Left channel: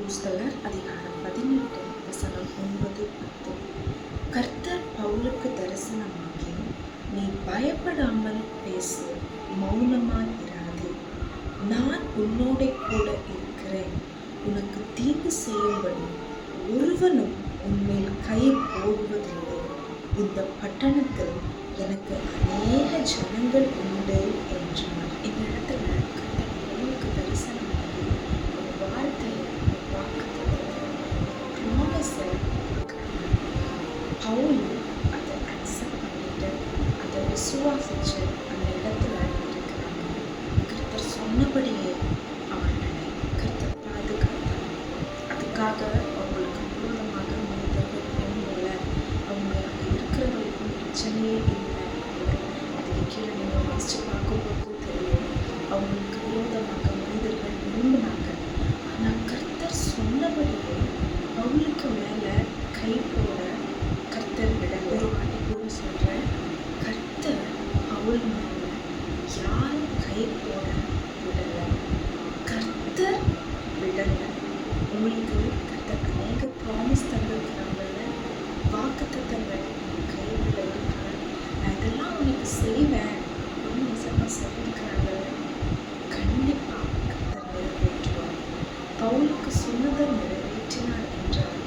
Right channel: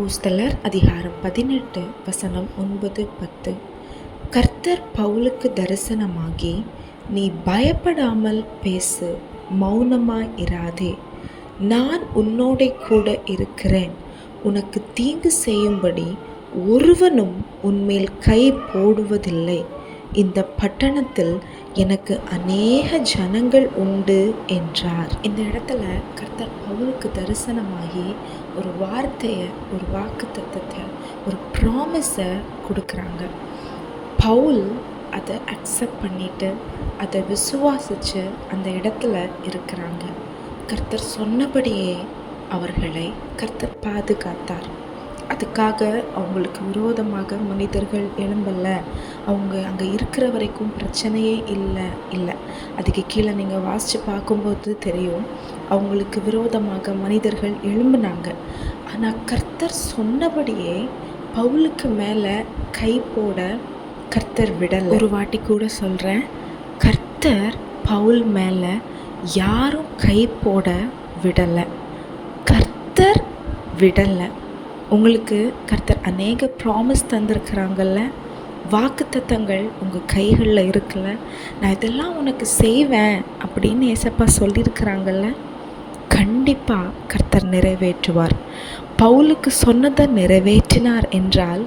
அப்போஸ்தலர் அதிகாரம் பதினெட்டு வசனம் ஒன்பது பத்து. கர்த்தர் பவுலுக்கு தரிசனமாகி நீ பயப்படாமல் பேசு மௌனமாய் இராதே. நான் உன்னோடே கூட இருக்கிறேன். உனக்கு தீங்கு செய்யும்படி ஒருவனும் உன்மேல் கை போடுவதில்லை. இந்த பட்டணத்தில் எனக்கு அநேக ஜனங்கள் உண்டு என்றார். இந்த இடத்துல கர்த்தர் பவுலுக்கு தரிசனமாகி வார்த்தையை ஒரு வாக்கு தத்துவத்தை ஒரு ப்ராமிஸை கொடுக்குறாங்க. பவுல் அதை அக்செப்ட் பண்ணிட்டு அதை விசுவாசித்து அந்த இடத்துல இருக்கிறாங்க. கர்த்தர் சொன்னபடியே அவர்களை கர்த்தர் பாதுகாத்தார். அதுக்காக அவங்களுக்கு விரோதமாக மனிதர்கள் எழும்பல. அவங்க அங்கே இருக்கிற வரைக்கும் பிரச்சனையே இல்லை இல்லை. அதுக்கு கீழே நீங்கள் வாசித்து பார்க்கும்போது தெரியும் அவங்களுக்கு விரோதமாக மனிதர்கள் எழும்புனாங்க. ஆனால் கர்த்தர் சொன்னபடியே பவுலுக்கு மேலே கை போட கர்த்தர் விடலை. ஒரு வாட்டி கூட சொல்கிறேன் கர்த்தர் பவுல் மேலே யாரும் கை போட விடலை. கர்த்தர் விடலை. உங்களுக்கு கர்த்தர் அநேக ப்ராமிஸ் தந்திருக்கிறாங்கல்ல? வாக்குத்தத்தங்கள் உங்கள் கைகளில் இருக்குல்ல? நான் இதெல்லாம் உனக்கு செய்வேன் அப்படின்னு ஏசப்பா சொல்லியிருக்கிறாங்கல்ல? கண்டிப்பாக கர்த்தர் நிறைவேற்றுவார். பவுலுக்கு சொன்னதை நிறைவேற்றினார் என்றால்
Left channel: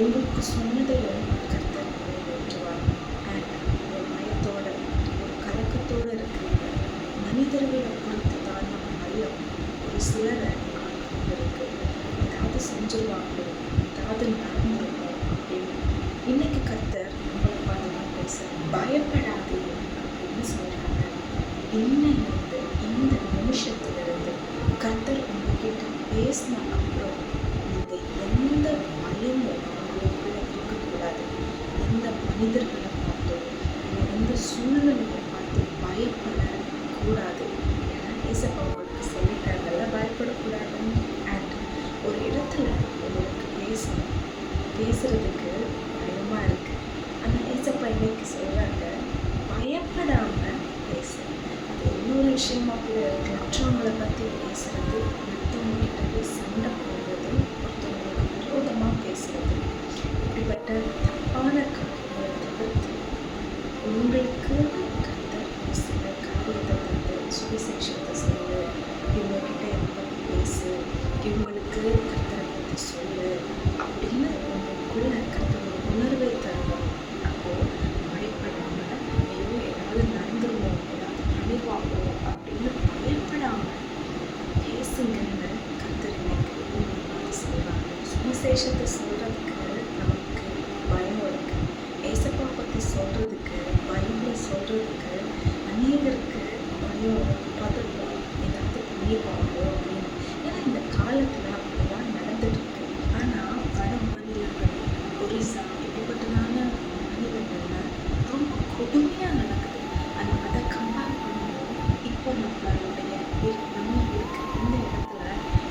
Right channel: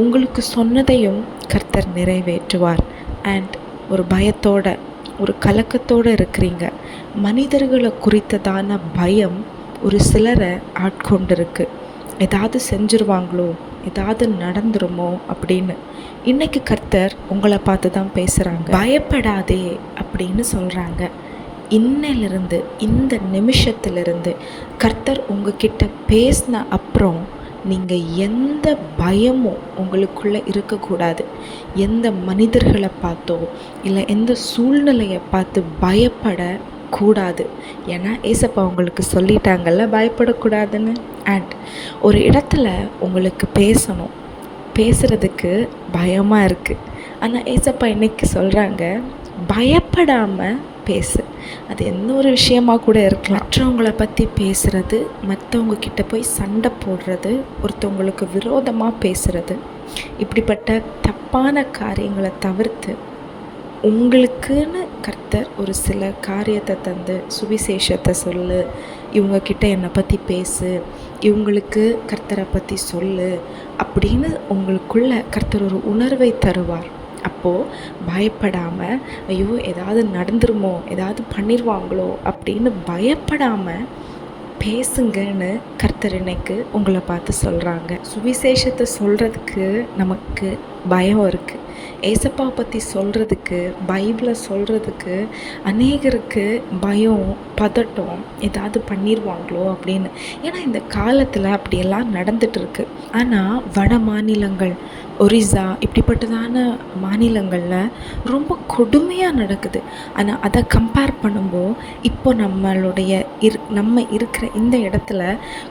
உங்களுக்கு சொன்னதையும் கர்த்தர் நிறைவேற்றுவார். அண்ட் ஒரு பயத்தோட ஒரு கலக்கத்தோடு இருக்கிறீங்க. மனிதர்களை குறித்ததான பயம் ஒரு சிலரை ஆட்கொண்டிருக்கு. ஏதாவது செஞ்சுருவாங்களோ ஏதாவது நடந்துருமோ அப்படின்னு. இன்னைக்கு கர்த்தர் உங்களை பார்த்து தான் பேசுகிறாங்க பயப்படாதே அப்படின்னு சொல்கிறாங்க இன்னிலிருந்து இந்த நிமிஷத்திலிருந்து கர்த்தர் உங்ககிட்ட பேசின அப்புறம் நீங்கள் எந்த பயமும் உங்களுக்குள்ளே இருக்கக்கூடாது. எந்த மனிதர்களை பார்த்தோ இல்லை எந்த சூழ்நிலையை பார்த்து பயப்பட கூடாது ஏன்னா ஏசப்பா உங்களுக்கு சொல்லிட்டாங்கல்ல பயப்படக்கூடாதுன்னு? அண்ட் ஒரு இடத்துல உங்களுக்கு பேசணும். பேசுகிறதுக்கு பயமாக இருக்குது ஆனால் ஏசப்பா இன்னைக்கு சொல்கிறாங்க பயப்படாமல் பேசு. அது எந்த ஒரு விஷயமா கூட இருக்கலாம். மற்றவங்களை பற்றி பேசுகிறது மற்றவங்க கிட்ட போய் சண்டை போடுறது ஒருத்தவங்களுக்கு விரோதமாக பேசுகிறது இப்படிப்பட்ட தப்பான காரியங்களை தவிர்த்து உங்களுக்குன்னு கர்த்தர் ஒரு சில காரியத்தை தந்து சுவிசேஷத்தை சொல்லு இவங்கக்கிட்ட என்னை பற்றி பேசு இவங்களுக்கு கர்த்தரை பற்றி சொல்லு அப்படின்னு உங்களுக்குள்ள கர்த்தர் ஒரு உணர்வை தருவார். அப்போது பயப்படாமல் ஐயோ ஏதாவது நடந்துருமோ ஏதாவது பண்ணிடுவாங்களோ அப்படின்னு பயப்படாமல் பேசுங்கன்னு கர்த்தர் இன்னைக்கு உங்களை பார்த்து சொல்கிறாங்க சுவிசேஷத்தை சொல்கிறதுக்கு நமக்கு பயம் இருக்குது ஏசப்பா பற்றி சொல்கிறதுக்கு பைபிளை சொல்கிறதுக்கு அநேகருக்கு பயம் பதட்டம் ஏதாவது பண்ணிடுவாங்களோ அப்படின்னு. ஏன்னா இந்த காலத்தில் அப்படியெல்லாம் நடந்துகிட்ருக்கு ஆனால் வட மாநிலங்கள் ஒரிசா இப்படிப்பட்டதான மாநிலங்களில் ரொம்ப கொடுமையாக நடக்குது. ஆனால் அதை கம்பேர் பண்ணும்போது இப்போ நம்மளுடைய இரு நம்ம இருக்கிற இந்த இடத்துல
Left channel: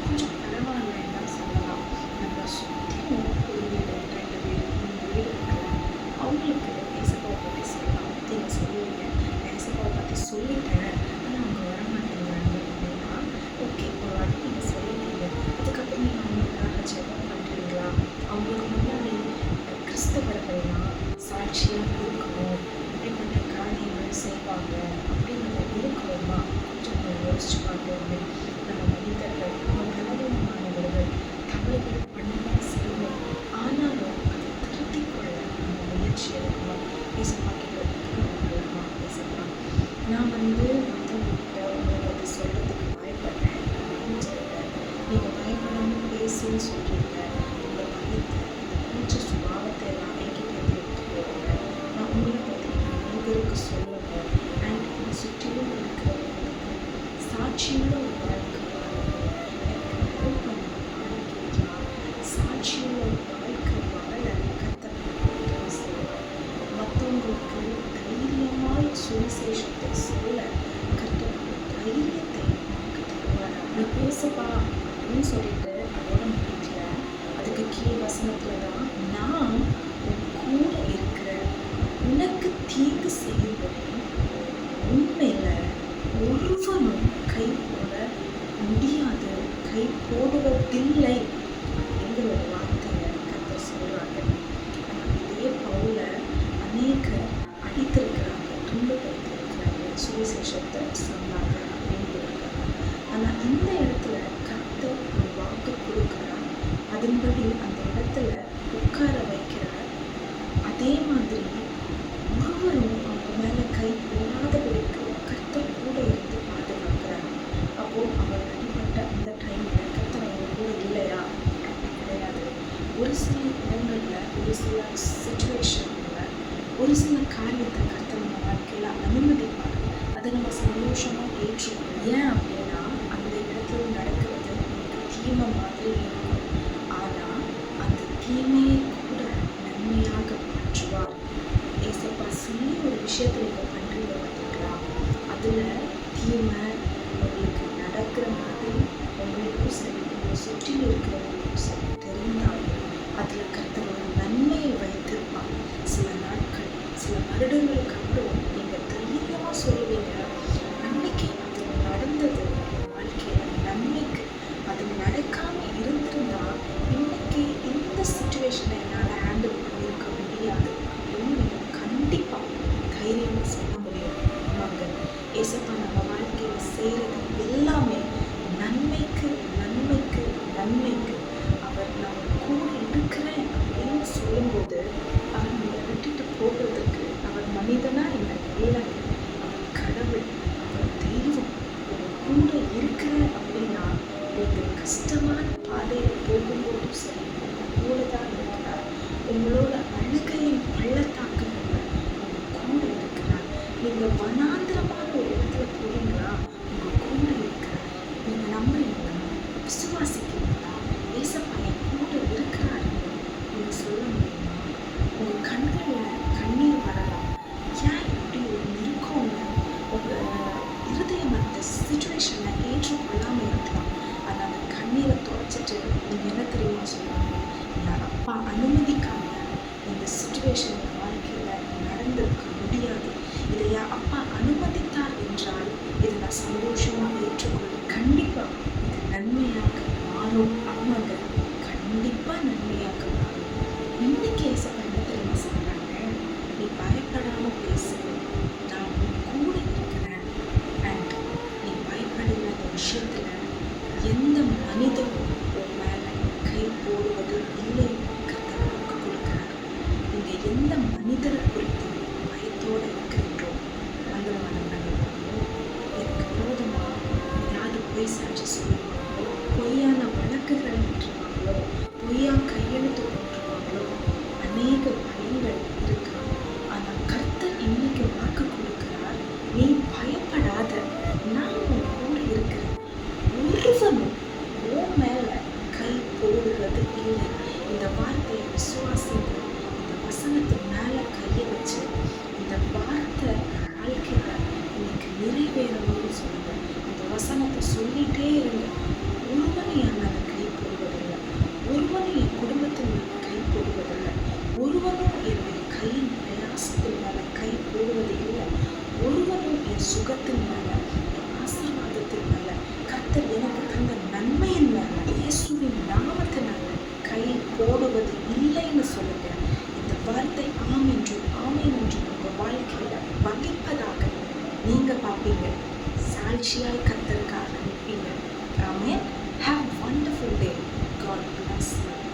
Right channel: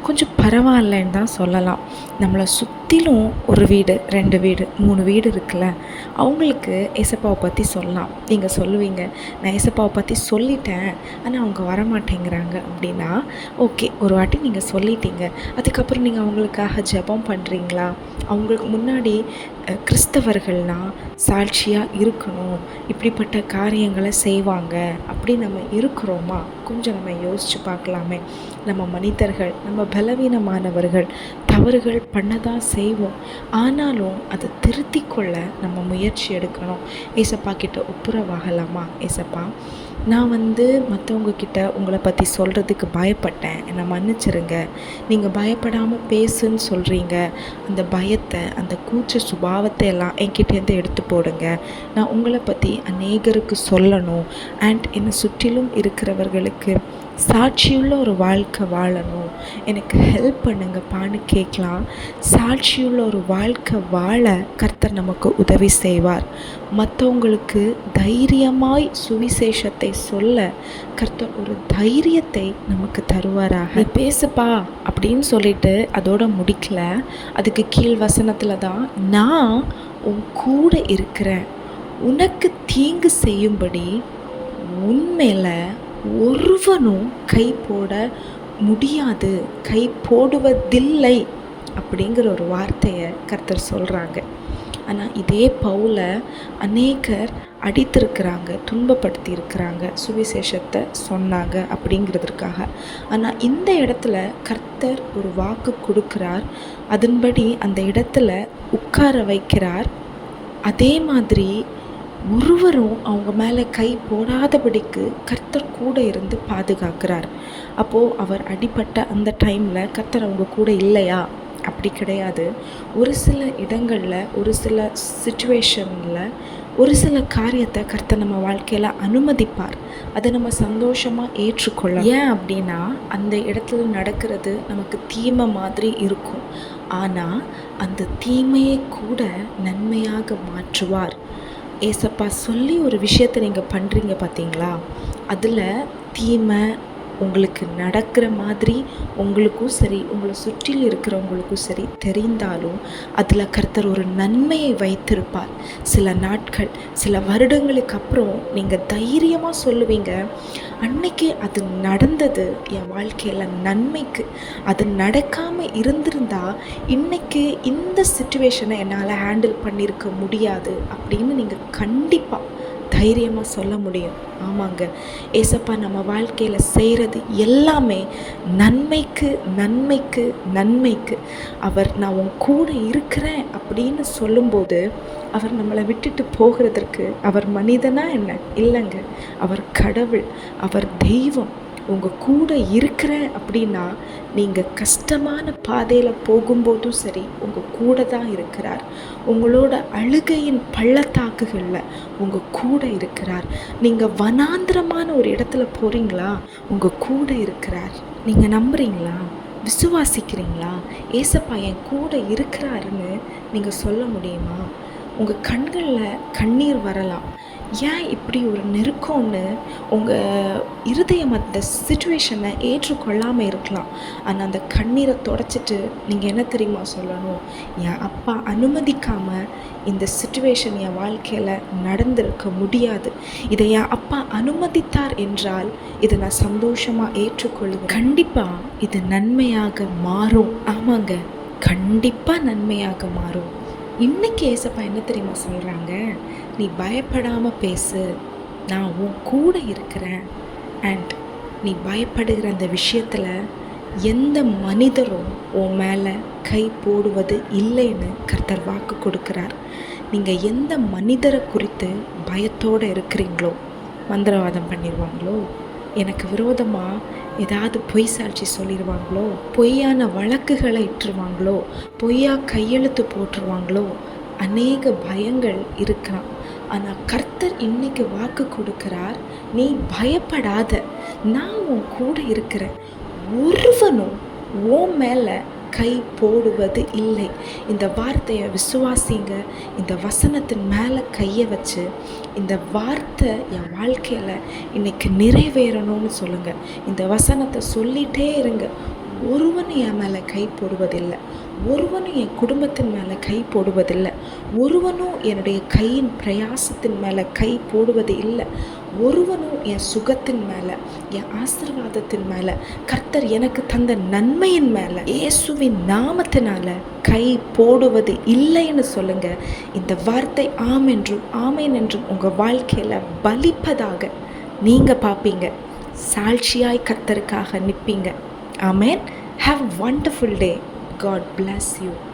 கொஞ்சம் பரவாயில்லன்னு தான் சொல்லலாம். நம்மளை சுற்றிலும் ஒரு வீடு ரெண்டு வீடு மூணு வீடு இருக்குல்ல. அவங்களுக்கு ஏசப்பாவை பற்றி சொல்லலாம். நீங்கள் சொல்லுவீங்க நான் ஏசப்பாவை பற்றி சொல்லிட்டேன் ஆனால் அவங்க வரமாட்டேங்கிறாங்க. அப்படின்னா ஓகே ஒரு வாட்டி நீங்கள் சொல்லிட்டீங்க. அதுக்கப்புறம் நீங்கள் அவங்களுக்காக ஜெபம் பண்ணுறீங்களா அவங்களுக்கு முன்னாடி கிறிஸ்தவர்கள்லாம் சாட்சியாக இருக்கணும். இப்படிப்பட்ட காரியங்களை செய்வாங்க அப்படி நம்ம இருக்கிறோமா? கொஞ்சம் நம்ம யோசித்து பார்க்கலாமே. நம்ம மனிதர்கள் நம்ம பலவீனமானவர்கள் தவறுகள் பண்ண தான் செய்வோம். ஆனாலும் அதை திருத்தி கொள்ள நம்ம முயற்சி எடுக்கணும். ஏசப்பா கிட்ட ஒப்புரவாகலாமா? ஏசப்பா நான் வந்து மற்றவங்க கிட்ட உங்களை பற்றி சொல்கிறதுக்கு பயப்பட்டேன். என்னை மன்னிச்சிருங்க. நீங்கள் பயப்படாமல் பேசுன்னு சொல்கிறீங்க அந்த பயத்தை அந்த கூச்ச சுபாவத்தை எல்லாம் என்கிட்டேருந்து எடுத்து போடுங்க. நான் உங்களை பற்றி அநேகருக்கு சொல்லணும். அண்ட் என்னை சுற்றிலும் இருக்கிறவர்களுக்கு சாட்சியுள்ள ஒரு வாழ்க்கை வாழணும். எனக்கு ஹெல்ப் பண்ணுங்கப்பான்னு கேட்கலாம். சாட்சியுள்ள ஒரு வாழ்க்கை வாழ கர்த்தர் நமக்கு உதவி செய்வார். மற்றவங்களுக்கு தைரியமாய் சுவிசேஷத்தை சொல்ல கர்த்தர் ஒரு தைரியத்தை நமக்கு தருவாராக. பேசுப்பா அப்படின்னு சொல்லிட்டு அதோட முடிக்கல. அதுக்கு கீழ் வசனத்தில் தான் நான் உன் கூட இருக்கிறேன். உனக்கு தீங்கு செய்யும்படி உண்மையில் ஒருவனும் கை போட முடியாது கை போடுவதில்லை அப்படிங்கிற ஒரு வார்த்தையை கர்த்தர் சொல்கிறாங்க ஆனால் இதே பவுலை அநேகர் அடித்திருக்கிறாங்க துன்பப்படுத்தியிருக்கிறாங்க சுவிசேஷத்தை சொன்னாங்க அப்படிங்கிறதுக்காக ஆனால் இந்த இடத்துல கர்த்தர் ஒரு வாக்கு கொடுக்கிறார் அதன்படி அந்த இடத்துல உட்கார வைக்கிறார். அதே மாதிரி ஒருவரும் அவங்க மேலே கை போடாதபடிக்கு கர்த்தர் கூட இருந்து பாதுகாக்கிறார். அப்போது அவர் அடிபட்ட அந்த டைமில் கர்த்தர் அவங்க கூட இல்லையா? அப்படி கிடையாது. ஒரு சில இடங்களில் ஒரு சில சுச்சுவேஷனில் ஒரு சில காரியத்தை கர்த்தர் நம்ம வாழ்க்கையில் அனுமதிப்பார். அதை நம்ம சந்தோஷமாக ஏற்றுக்கொள்ள ஏன் அப்படின்னா அந்த இடத்துல நடக்கிறது நமக்கு தீமை மாதிரி இருக்கும். ஆனால் அந்த தீமையை கூட நன்மையாக மாற்றுவார். ஏசப்பா சொல்லி ஒரு விஷயத்தை நீங்கள் பண்ணுறீங்க பார்த்தீங்களா அதில் தீமை உங்களுக்கு நடக்கிற மாதிரி உங்களுக்கும் சரி உங்களை சுற்றில் இருக்கிறவங்களுக்கும் சரி தெரிந்தாலும் அதில் கர்த்தர் ஒரு நன்மையை வைத்திருப்பார். சில நாட்கள் சில வருடங்களுக்கு அப்புறம் நீங்கள் தைரியமாக சொல்லுவீங்க அன்னைக்கு அது நடந்தது. என் வாழ்க்கையில் நன்மைக்கு. அது நடக்காமல் இருந்திருந்தால் இன்னைக்கு இந்த சுச்சுவேஷனை என்னால் ஹேண்டில் பண்ணியிருக்க முடியாது அப்படின்னு நீங்கள் கண்டிப்பாக தைரியமாக சொல்ல முடியும். ஆமாங்க. ஏசப்பா நம்ம வாழ்க்கையில் செய்கிறது எல்லாமே நன்மைக்கு நன்மைக்கு நன்மைக்கு. அவர் நான் உன் கூட இருக்கிறேன் அப்படின்னு சொல்லும்போது அவர் நம்மளை விட்டுட்டு போகிறதற்கு அவர் மனிதனா என்ன? இல்லைங்க. அவர் கடவுள் அவர் தெய்வம் உங்கள் கூட இருக்கிறேன் அப்படின்னா நீங்கள் கஷ்டமான பாதையில் போகும்போதும் சரி உங்கள் கூட தான் இருக்கிறார். உங்களோட அழுகையின் பள்ளத்தாக்குகளில் உங்கள் கூட இருக்கிறார். நீங்கள் வனாந்திரமான ஒரு இடத்துல போகிறீங்களா உங்கள் கூட இருக்கிறார். நீங்கள் நம்புறீங்களா? விசுவாசிக்கிறீங்களா? ஏசப்பா என் கூட இருக்கிறாருன்னு நீங்கள் சொல்ல முடியுமா? உங்கள் கண்களில் கண்ணீர் வரலாம். ஏன் இப்படி ஒரு நெருக்கம்னு உங்கள் இருதயம் அந்த சுச்சுவேஷனை ஏற்றுக்கொள்ளாமல் இருக்கலாம். ஆனால் அந்த கண்ணீரை தொடச்சிட்டு நீங்கள் என்ன தெரியுமா சொல்லணும்? என் அப்பா அனுமதிக்காமல் இந்த சுச்சுவேஷன் என் வாழ்க்கையில் நடந்திருக்க முடியாது. இதை என் அப்பா அனுமதித்தார் என்றால் இதை நான் சந்தோஷமாக ஏற்றுக்கொள்வேன். கண்டிப்பாக இது நன்மையாக மாறும். ஆமாங்க. கண்டிப்பாக நன்மையாக மாறும். இன்னைக்கு ஏசப்பா என்ன தெரியுமா சொல்கிறாங்க நீ பயப்படாமல் பேசு. நான் உன் கூட இருக்கிறேன். அண்ட் நீ பயப்படுகிற அந்த விஷயத்தில் எந்த மனிதரும் உன் மேலே கை போடுவது இல்லைன்னு கர்த்தர் வாக்கு கொடுக்குறார். நீங்கள் எந்த மனிதரை குறித்து பயத்தோடு இருக்கிறீங்களோ மந்திரவாதம் பண்ணிடுவாங்களோ எனக்கு விரோதமாக ஏதாவது பொய் சாட்சி சொல்லிடுவாங்களோ பொய்யான வழக்குகளை இட்டுருவாங்களோ பொய்யா கையெழுத்து போட்டுருவாங்களோ அநேக பயங்கள் இருக்கான் இன்றைக்கி இன்னைக்கு வாக்கு கொடுக்கிறார் நீ பயப்படாத நான் உன் கூட இருக்கிறேன். ஒருவனும் உன் மேலே கை போடுவது இல்லை. இந்த வார்த்தையை விசுவாசிங்க. இந்த வசனத்தின் மேலே கையை வச்சு இந்த வார்த்தை என் வாழ்க்கையில் இன்னைக்கு நிறைவேறணும்னு சொல்லுங்கள் இந்த வசனத்தை சொல்லிகிட்டே இருங்க. ஒருவனும் என் மேலே கை போடுவதில்லை. ஒருவனும் என் குடும்பத்தின் மேலே கை போடுவதில்லை. ஒருவனும் என்னுடைய கையின் பிரயாசத்தின் மேலே கை போடுவது இல்லை. ஒருவனும் என் சுகத்தின் மேலே என் ஆசீர்வாதத்தின் மேலே கர்த்தர் எனக்கு தந்த நன்மையின் மேலே இயேசுவின் நாமத்தினால கை போடுவது இல்லைன்னு சொல்லுங்க. இந்த வார்த்தை ஆம் என்றும் ஆமேன் என்றும் உங்கள் வாழ்க்கையில் பலிப்பதாக நீங்கள் பார்ப்பீங்க. சாட்சியாய் கர்த்தருக்காக நிற்பீங்க. ஆமேன். Have wonderful day. God bless you.